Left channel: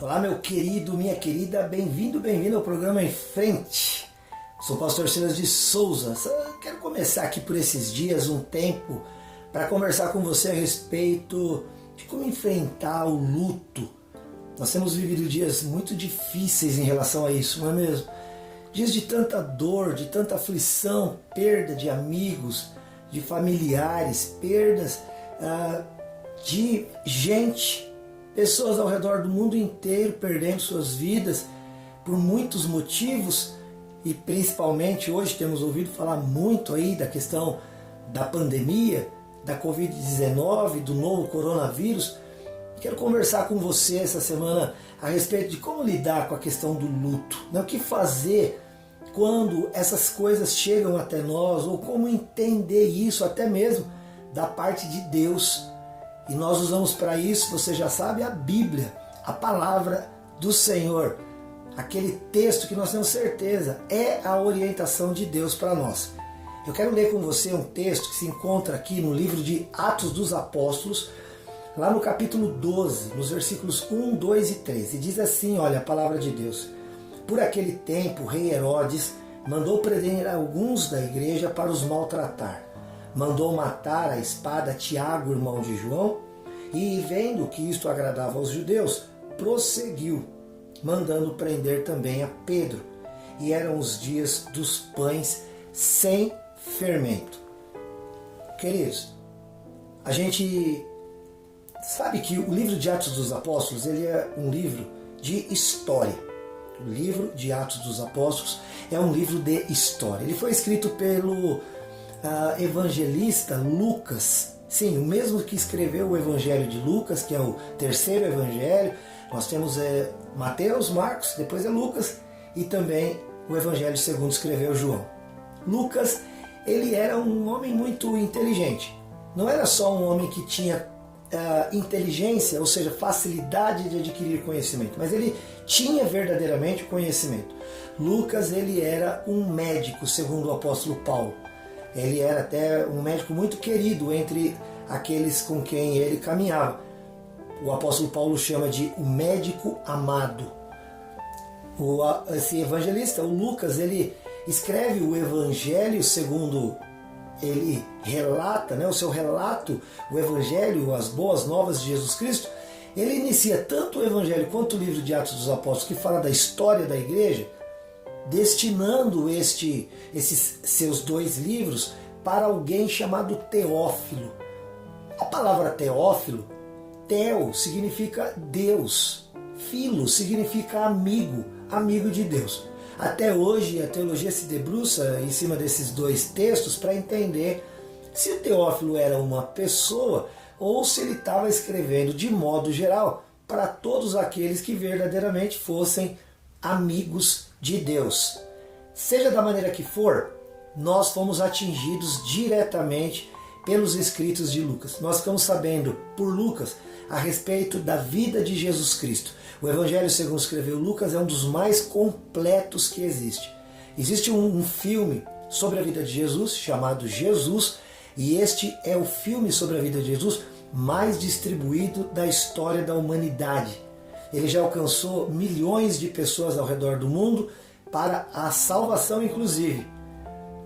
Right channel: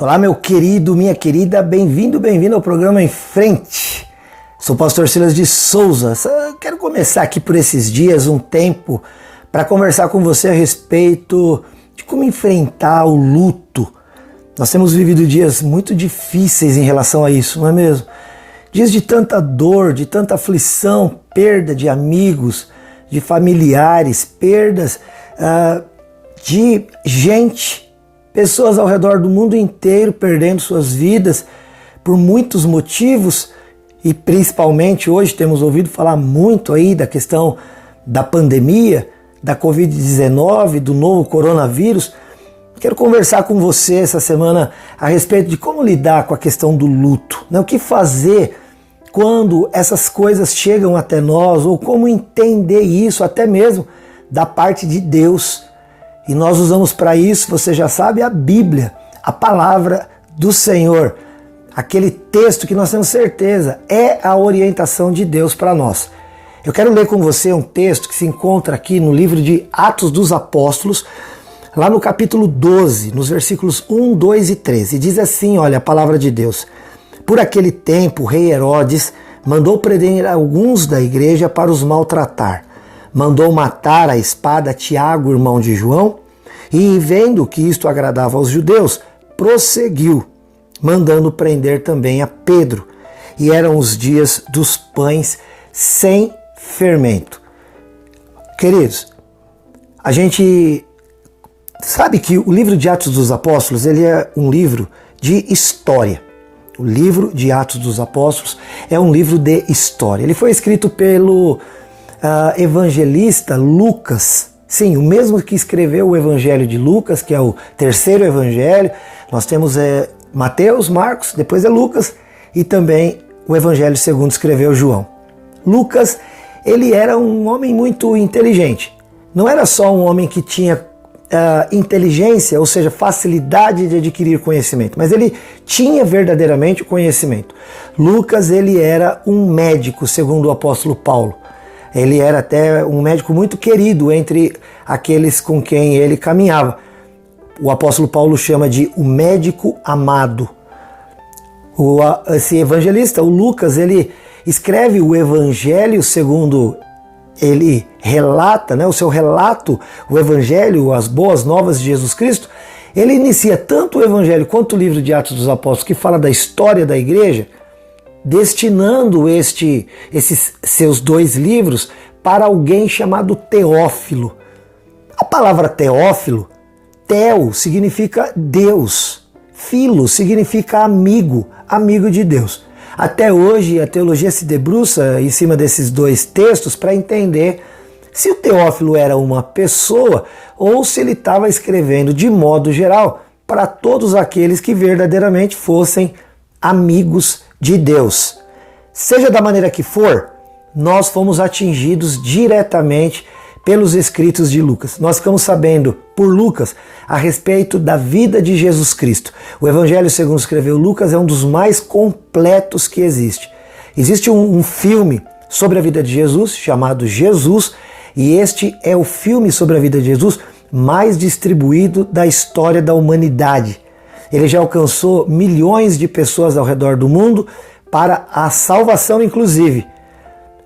Olá, meu querido, minha querida, bem-vindo ao programa Em Frente. Sou o pastor Silas de Souza. Quero começar aqui por esses dias um tempo para conversar com você a respeito de como enfrentar o luto. Nós temos vivido dias muito difíceis em relação a isso, não é mesmo? Dias de tanta dor, de tanta aflição, perda de amigos, de familiares, perdas de gente, pessoas ao redor do mundo inteiro perdendo suas vidas por muitos motivos e principalmente hoje temos ouvido falar muito aí da questão da pandemia, da Covid-19, do novo coronavírus. Quero conversar com você essa semana a respeito de como lidar com a questão do luto, né? O que fazer quando essas coisas chegam até nós ou como entender isso até mesmo da parte de Deus. E nós usamos para isso, você já sabe, a Bíblia, a palavra do Senhor. Aquele texto que nós temos certeza é a orientação de Deus para nós. Eu quero ler com você um texto que se encontra aqui no livro de Atos dos Apóstolos, lá no capítulo 12, nos versículos 1, 2 e 13. E diz assim, olha, a palavra de Deus. Por aquele tempo, o rei Herodes mandou prender alguns da igreja para os maltratar. Mandou matar a espada Tiago, irmão de João, e vendo que isto agradava aos judeus, prosseguiu, mandando prender também a Pedro. E eram os dias dos pães sem fermento. Queridos, a gente sabe que o livro de Atos dos Apóstolos ele é um livro de história. O livro de Atos dos Apóstolos é um livro de história. Ele foi escrito pelo evangelista Lucas, sim, o mesmo que escreveu o Evangelho de Lucas, que é o terceiro evangelho. Nós temos Mateus, Marcos, depois é Lucas e também o Evangelho segundo escreveu João. Lucas, ele era um homem muito inteligente. Não era só um homem que tinha inteligência, ou seja, facilidade de adquirir conhecimento, mas ele tinha verdadeiramente o conhecimento. Lucas, ele era um médico, segundo o apóstolo Paulo. Ele era até um médico muito querido entre aqueles com quem ele caminhava. O apóstolo Paulo chama de o médico amado. Esse evangelista, o Lucas, ele escreve o evangelho segundo ele relata, né, o seu relato, o evangelho, as boas novas de Jesus Cristo. Ele inicia tanto o evangelho quanto o livro de Atos dos Apóstolos, que fala da história da igreja, destinando esses seus dois livros para alguém chamado Teófilo. A palavra Teófilo, Teo significa Deus, Filo significa amigo, amigo de Deus. Até hoje a teologia se debruça em cima desses dois textos para entender se o Teófilo era uma pessoa ou se ele estava escrevendo de modo geral para todos aqueles que verdadeiramente fossem amigos de Deus. Seja da maneira que for, nós fomos atingidos diretamente pelos escritos de Lucas. Nós ficamos sabendo por Lucas a respeito da vida de Jesus Cristo. O Evangelho segundo escreveu Lucas é um dos mais completos que existe. Existe um filme sobre a vida de Jesus chamado Jesus, e este é o filme sobre a vida de Jesus mais distribuído da história da humanidade. Ele já alcançou milhões de pessoas ao redor do mundo para a salvação, inclusive.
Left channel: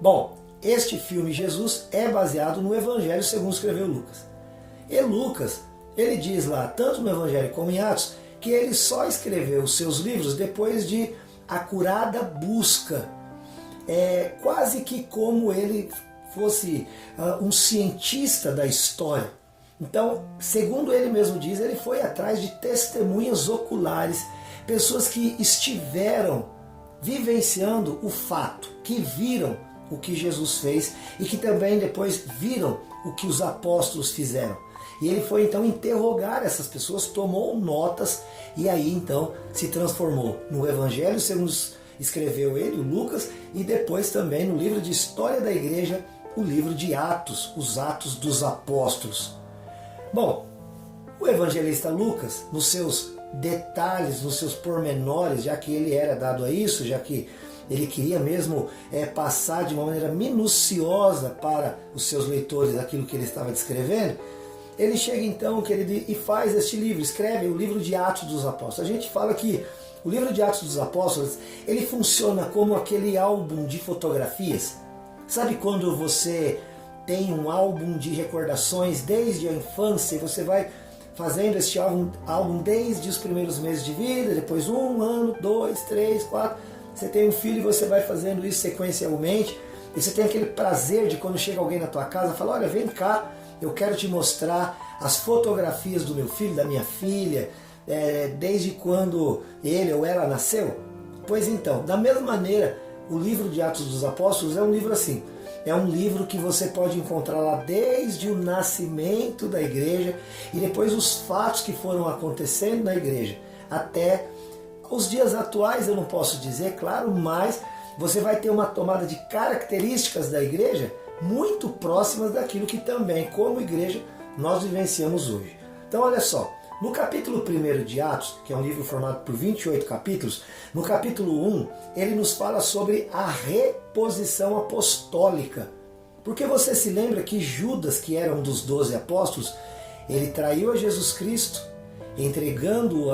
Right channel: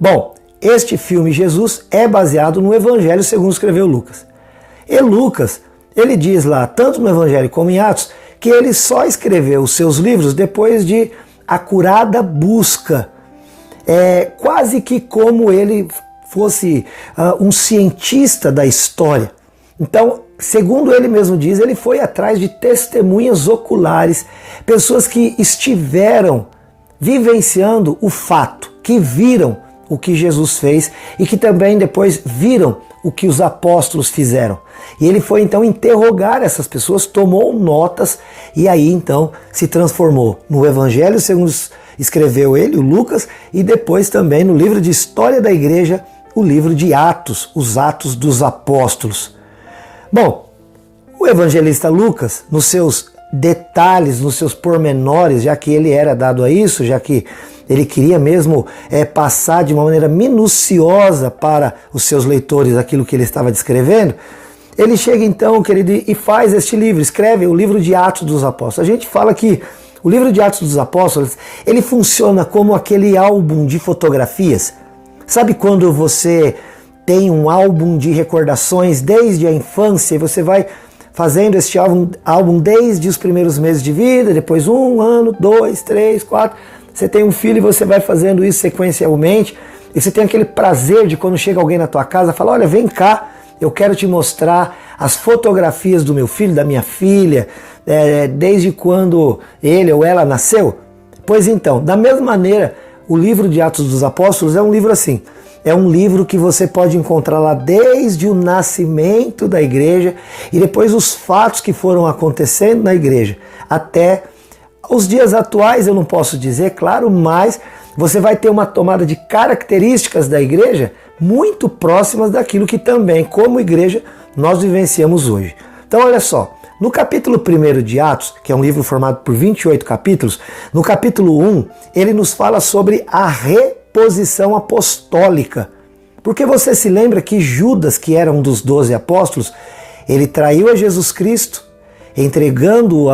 Bom, este filme Jesus é baseado no Evangelho segundo escreveu Lucas. E Lucas, ele diz lá, tanto no Evangelho como em Atos, que ele só escreveu os seus livros depois de acurada busca. É quase que como ele fosse um cientista da história. Então, segundo ele mesmo diz, ele foi atrás de testemunhas oculares, pessoas que estiveram vivenciando o fato, que viram o que Jesus fez e que também depois viram o que os apóstolos fizeram. E ele foi então interrogar essas pessoas, tomou notas e aí então se transformou no Evangelho segundo escreveu ele, o Lucas, e depois também no livro de História da Igreja, o livro de Atos, os Atos dos Apóstolos. Bom, o evangelista Lucas, nos seus detalhes, nos seus pormenores, já que ele era dado a isso, já que ele queria mesmo passar de uma maneira minuciosa para os seus leitores aquilo que ele estava descrevendo, ele chega então, querido, e faz este livro, escreve o livro de Atos dos Apóstolos. A gente fala que o livro de Atos dos Apóstolos, ele funciona como aquele álbum de fotografias. Sabe quando você tem um álbum de recordações desde a infância e você vai fazendo este álbum desde os primeiros meses de vida, depois 1 ano, 2, 3, 4, você tem um filho e você vai fazendo isso sequencialmente, e você tem aquele prazer de quando chega alguém na tua casa, falar, olha, vem cá, eu quero te mostrar as fotografias do meu filho, da minha filha, desde quando ele ou ela nasceu. Pois então, da mesma maneira, o livro de Atos dos Apóstolos é um livro assim, é um livro que você pode encontrar lá desde o nascimento da igreja e depois os fatos que foram acontecendo na igreja. Até os dias atuais eu não posso dizer, claro, mas você vai ter uma tomada de características da igreja muito próximas daquilo que também, como igreja, nós vivenciamos hoje. Então olha só, no capítulo 1 de Atos, que é um livro formado por 28 capítulos, no capítulo 1, ele nos fala sobre a reposição apostólica. Porque você se lembra que Judas, que era um dos 12 apóstolos, ele traiu a Jesus Cristo, entregando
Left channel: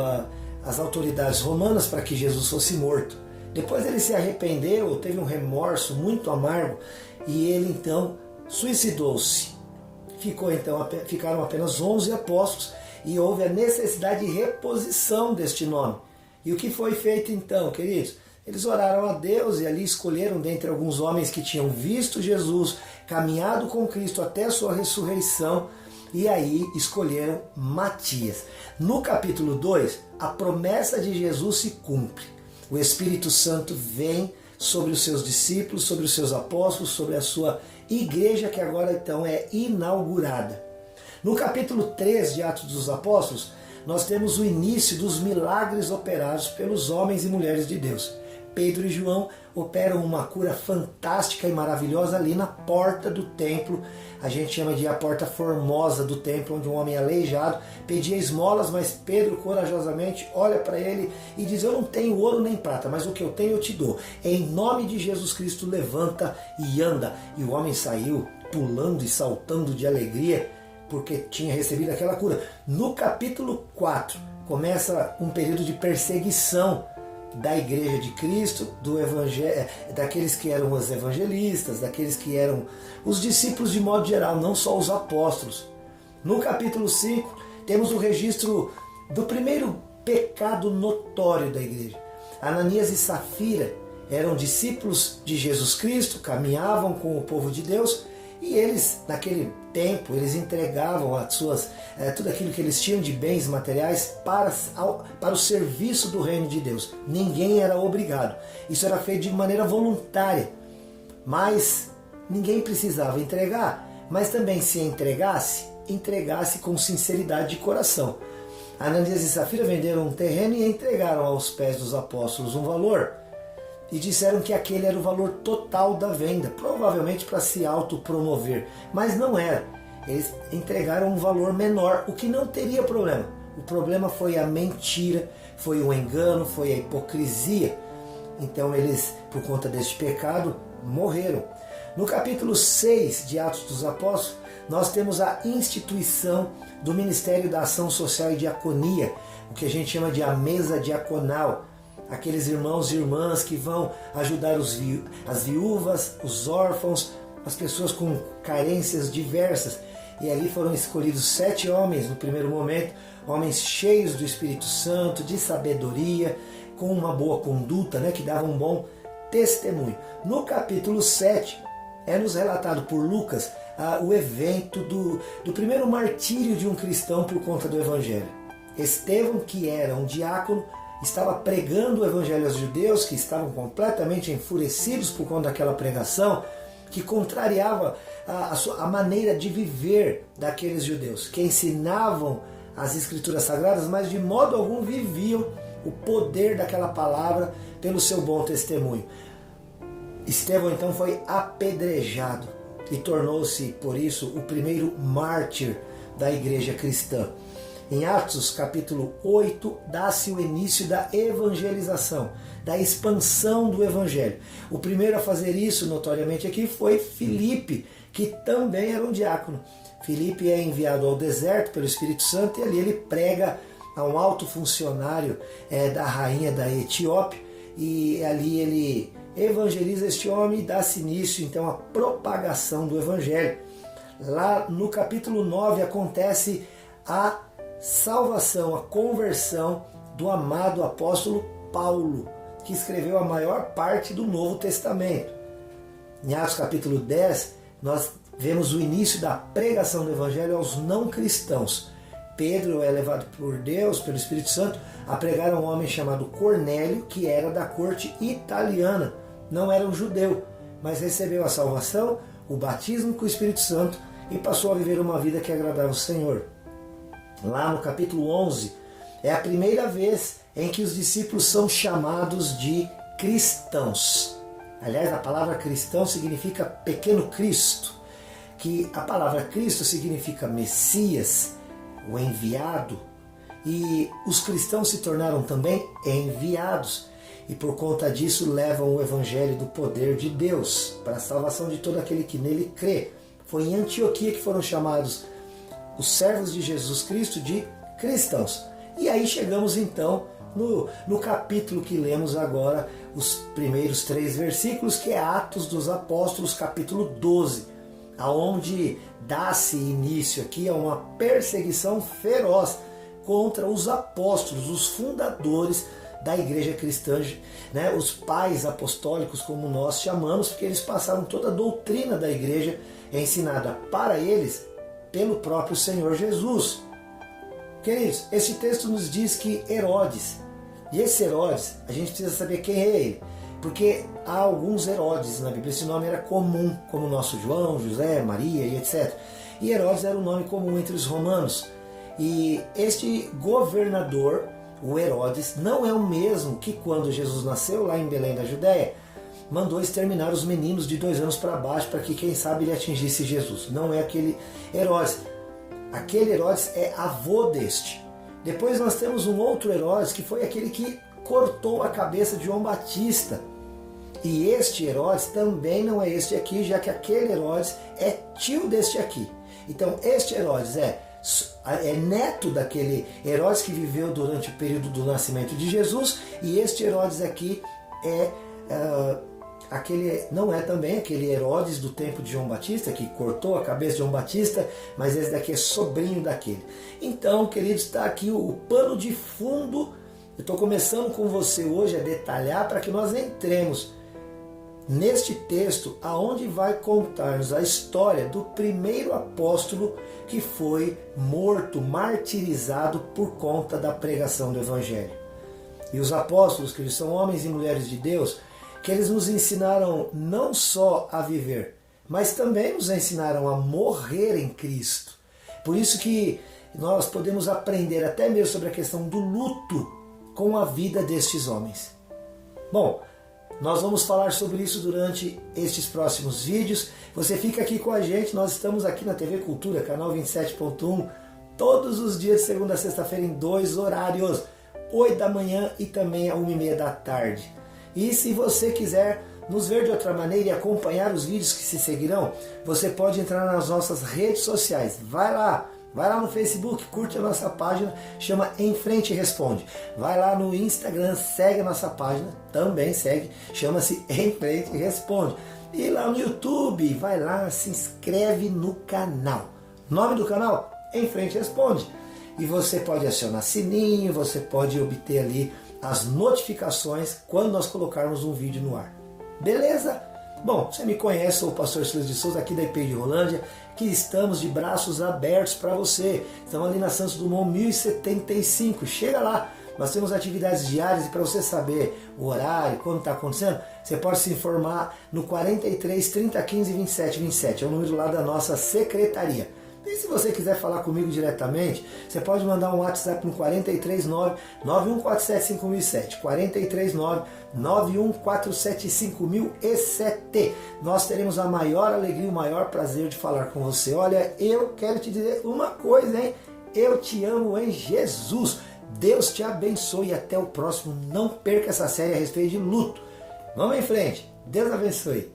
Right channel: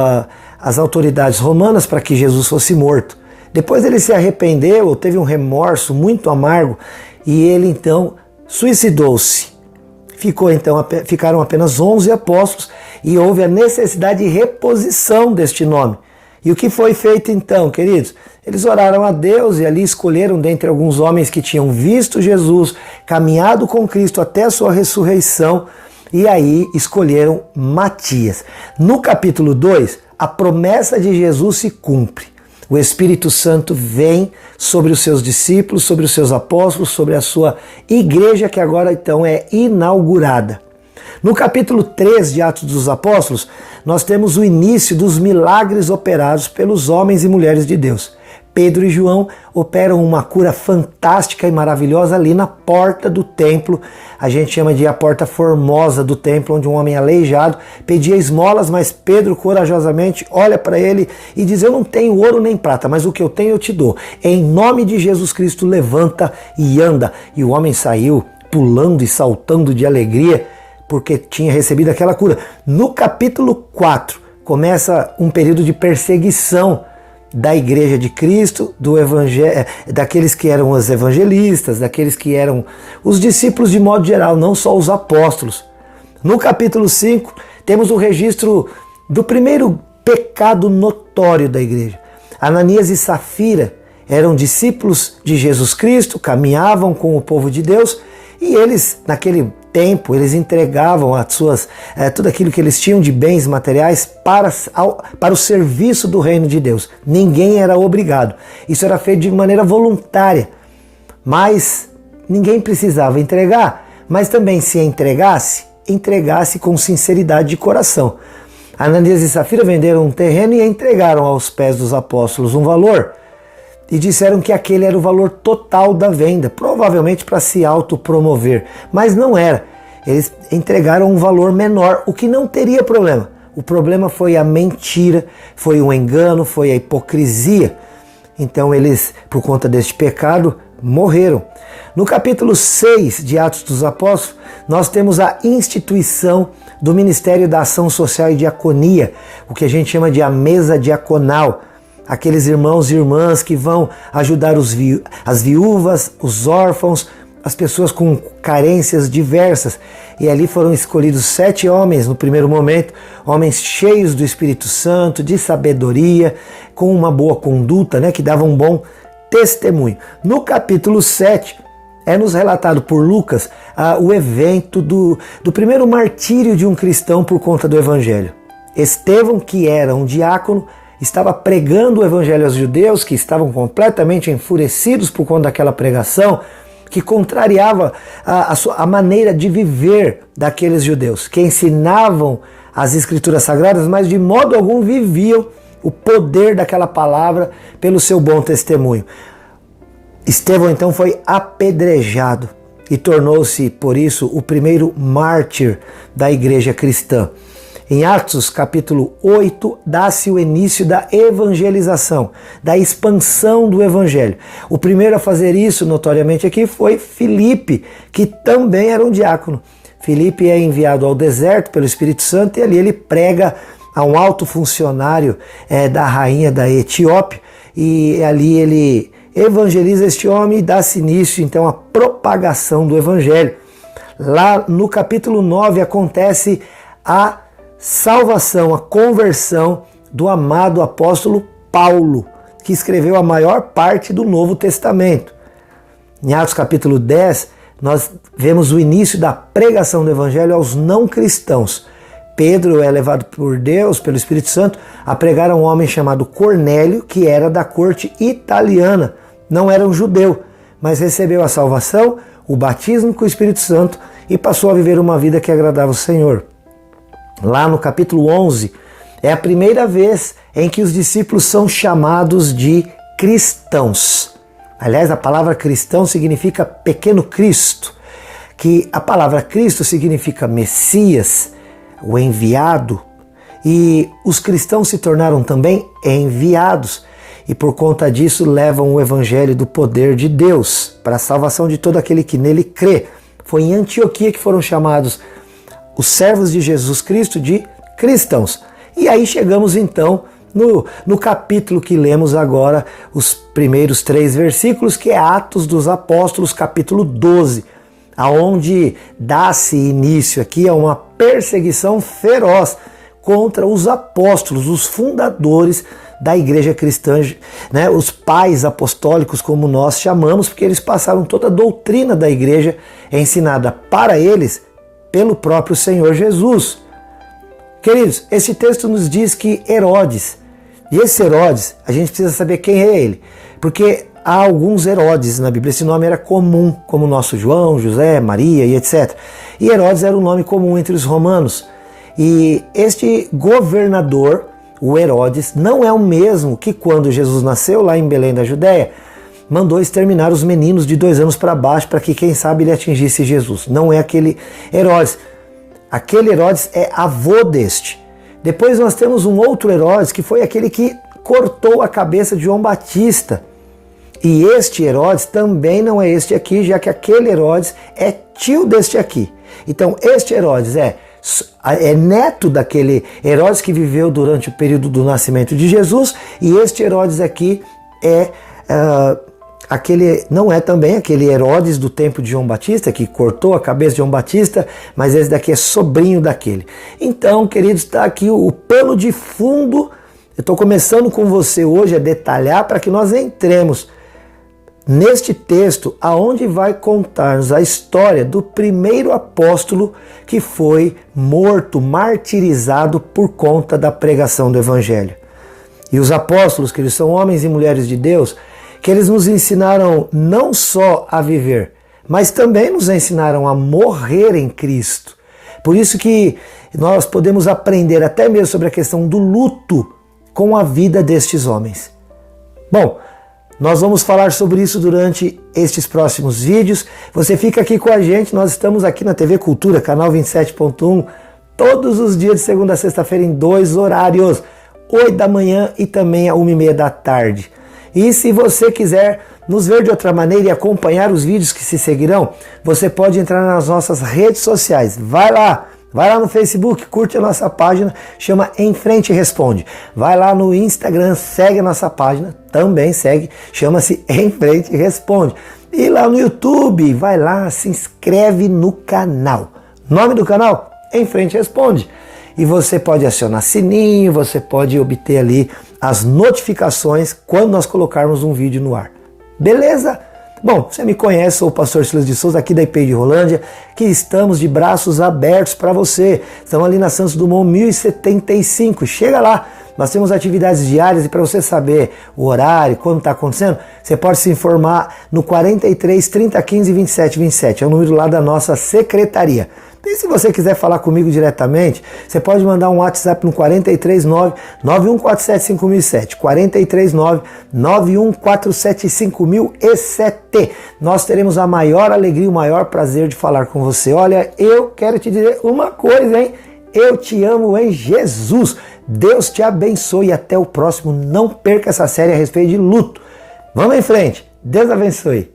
às autoridades romanas para que Jesus fosse morto. Depois ele se arrependeu, teve um remorso muito amargo, e ele então suicidou-se. Ficaram apenas 11 apóstolos e houve a necessidade de reposição deste nome. E o que foi feito então, queridos? Eles oraram a Deus e ali escolheram dentre alguns homens que tinham visto Jesus, caminhado com Cristo até a sua ressurreição, e aí escolheram Matias. No capítulo 2, a promessa de Jesus se cumpre. O Espírito Santo vem sobre os seus discípulos, sobre os seus apóstolos, sobre a sua igreja que agora então é inaugurada. No capítulo 3 de Atos dos Apóstolos, nós temos o início dos milagres operados pelos homens e mulheres de Deus. Pedro e João operam uma cura fantástica e maravilhosa ali na porta do templo. A gente chama de a porta formosa do templo, onde um homem aleijado pedia esmolas, mas Pedro corajosamente olha para ele e diz, eu não tenho ouro nem prata, mas o que eu tenho eu te dou. Em nome de Jesus Cristo, levanta e anda. E o homem saiu pulando e saltando de alegria, porque tinha recebido aquela cura. No capítulo 4, começa um período de perseguição da igreja de Cristo, daqueles que eram os evangelistas, daqueles que eram os discípulos de modo geral, não só os apóstolos. No capítulo 5, temos o registro do primeiro pecado notório da igreja. Ananias e Safira eram discípulos de Jesus Cristo, caminhavam com o povo de Deus, e eles, naquele tempo, eles entregavam tudo aquilo que eles tinham de bens materiais para o serviço do reino de Deus. Ninguém era obrigado. Isso era feito de maneira voluntária. Mas ninguém precisava entregar. Mas também, se entregasse com sinceridade de coração. Ananias e Safira venderam um terreno e entregaram aos pés dos apóstolos um valor. E disseram que aquele era o valor total da venda, provavelmente para se autopromover, mas não era. Eles entregaram um valor menor, o que não teria problema. O problema foi a mentira, foi o engano, foi a hipocrisia. Então eles, por conta deste pecado, morreram. No capítulo 6 de Atos dos Apóstolos, nós temos a instituição do Ministério da Ação Social e Diaconia, o que a gente chama de a mesa diaconal. Aqueles irmãos e irmãs que vão ajudar as viúvas, os órfãos, as pessoas com carências diversas. E ali foram escolhidos 7 homens no primeiro momento, homens cheios do Espírito Santo, de sabedoria, com uma boa conduta, que davam um bom testemunho. No capítulo 7, é-nos relatado por Lucas o evento do primeiro martírio de um cristão por conta do Evangelho. Estevão, que era um diácono, estava pregando o evangelho aos judeus, que estavam completamente enfurecidos por conta daquela pregação, que contrariava a maneira de viver daqueles judeus, que ensinavam as escrituras sagradas, mas de modo algum viviam o poder daquela palavra pelo seu bom testemunho. Estevão então foi apedrejado e tornou-se, por isso, o primeiro mártir da igreja cristã. Em Atos capítulo 8, dá-se o início da evangelização, da expansão do evangelho. O primeiro a fazer isso, notoriamente aqui, foi Filipe, que também era um diácono. Filipe é enviado ao deserto pelo Espírito Santo e ali ele prega a um alto funcionário da rainha da Etiópia, e ali ele evangeliza este homem e dá-se início então à propagação do evangelho. Lá no capítulo 9 acontece a salvação, a conversão do amado apóstolo Paulo, que escreveu a maior parte do Novo Testamento. Em Atos capítulo 10, nós vemos o início da pregação do evangelho aos não cristãos. Pedro é levado por Deus, pelo Espírito Santo, a pregar a um homem chamado Cornélio, que era da corte italiana, não era um judeu, mas recebeu a salvação, o batismo com o Espírito Santo e passou a viver uma vida que agradava o Senhor. Lá no capítulo 11, é a primeira vez em que os discípulos são chamados de cristãos. Aliás, a palavra cristão significa pequeno Cristo, que a palavra Cristo significa Messias, o enviado, e os cristãos se tornaram também enviados, e por conta disso levam o evangelho do poder de Deus para a salvação de todo aquele que nele crê. Foi em Antioquia que foram chamados os servos de Jesus Cristo de cristãos. E aí chegamos então no capítulo que lemos agora, os primeiros 3 versículos, que é Atos dos Apóstolos, capítulo 12, aonde dá-se início aqui a uma perseguição feroz contra os apóstolos, os fundadores da igreja cristã, né, os pais apostólicos, como nós chamamos, porque eles passaram toda a doutrina da igreja ensinada para eles pelo próprio Senhor Jesus. Queridos, esse texto nos diz que Herodes, e esse Herodes, a gente precisa saber quem é ele, porque há alguns Herodes na Bíblia, esse nome era comum, como o nosso João, José, Maria e etc. E Herodes era um nome comum entre os romanos. E este governador, o Herodes, não é o mesmo que quando Jesus nasceu lá em Belém da Judéia, mandou exterminar os meninos de 2 anos para baixo para que, quem sabe, ele atingisse Jesus. Não é aquele Herodes. Aquele Herodes é avô deste. Depois nós temos um outro Herodes, que foi aquele que cortou a cabeça de João Batista. E este Herodes também não é este aqui, já que aquele Herodes é tio deste aqui. Então este Herodes é neto daquele Herodes que viveu durante o período do nascimento de Jesus, e este Herodes aqui não é também aquele Herodes do tempo de João Batista, que cortou a cabeça de João Batista, mas esse daqui é sobrinho daquele. Então, queridos, está aqui o pano de fundo. Eu estou começando com você hoje a detalhar para que nós entremos neste texto, aonde vai contar-nos a história do primeiro apóstolo que foi morto, martirizado por conta da pregação do Evangelho. E os apóstolos, que eles são homens e mulheres de Deus, que eles nos ensinaram não só a viver, mas também nos ensinaram a morrer em Cristo. Por isso que nós podemos aprender até mesmo sobre a questão do luto com a vida destes homens. Bom, nós vamos falar sobre isso durante estes próximos vídeos. Você fica aqui com a gente, nós estamos aqui na TV Cultura, canal 27.1, todos os dias de segunda a sexta-feira em 2 horários, 8 da manhã e também a 1h30 da tarde. E se você quiser nos ver de outra maneira e acompanhar os vídeos que se seguirão, você pode entrar nas nossas redes sociais. Vai lá no Facebook, curte a nossa página, chama Em Frente Responde. Vai lá no Instagram, segue a nossa página, também segue, chama-se Em Frente Responde. E lá no YouTube, vai lá, se inscreve no canal. Nome do canal? Em Frente Responde. E você pode acionar sininho, você pode obter ali as notificações quando nós colocarmos um vídeo no ar. Beleza? Bom, você me conhece, sou o pastor Silas de Souza, aqui da IP de Rolândia, que estamos de braços abertos para você. Estamos ali na Santos Dumont 1075. Chega lá, nós temos atividades diárias e para você saber o horário, quando está acontecendo, você pode se informar no 43 30 15 27 27. É o número lá da nossa secretaria. E se você quiser falar comigo diretamente, você pode mandar um WhatsApp no 439-9147-5007, 439-9147-5007. Nós teremos a maior alegria e o maior prazer de falar com você. Olha, eu quero te dizer uma coisa, hein? Eu te amo em Jesus. Deus te abençoe e até o próximo. Não perca essa série a respeito de luto. Vamos em frente. Deus abençoe.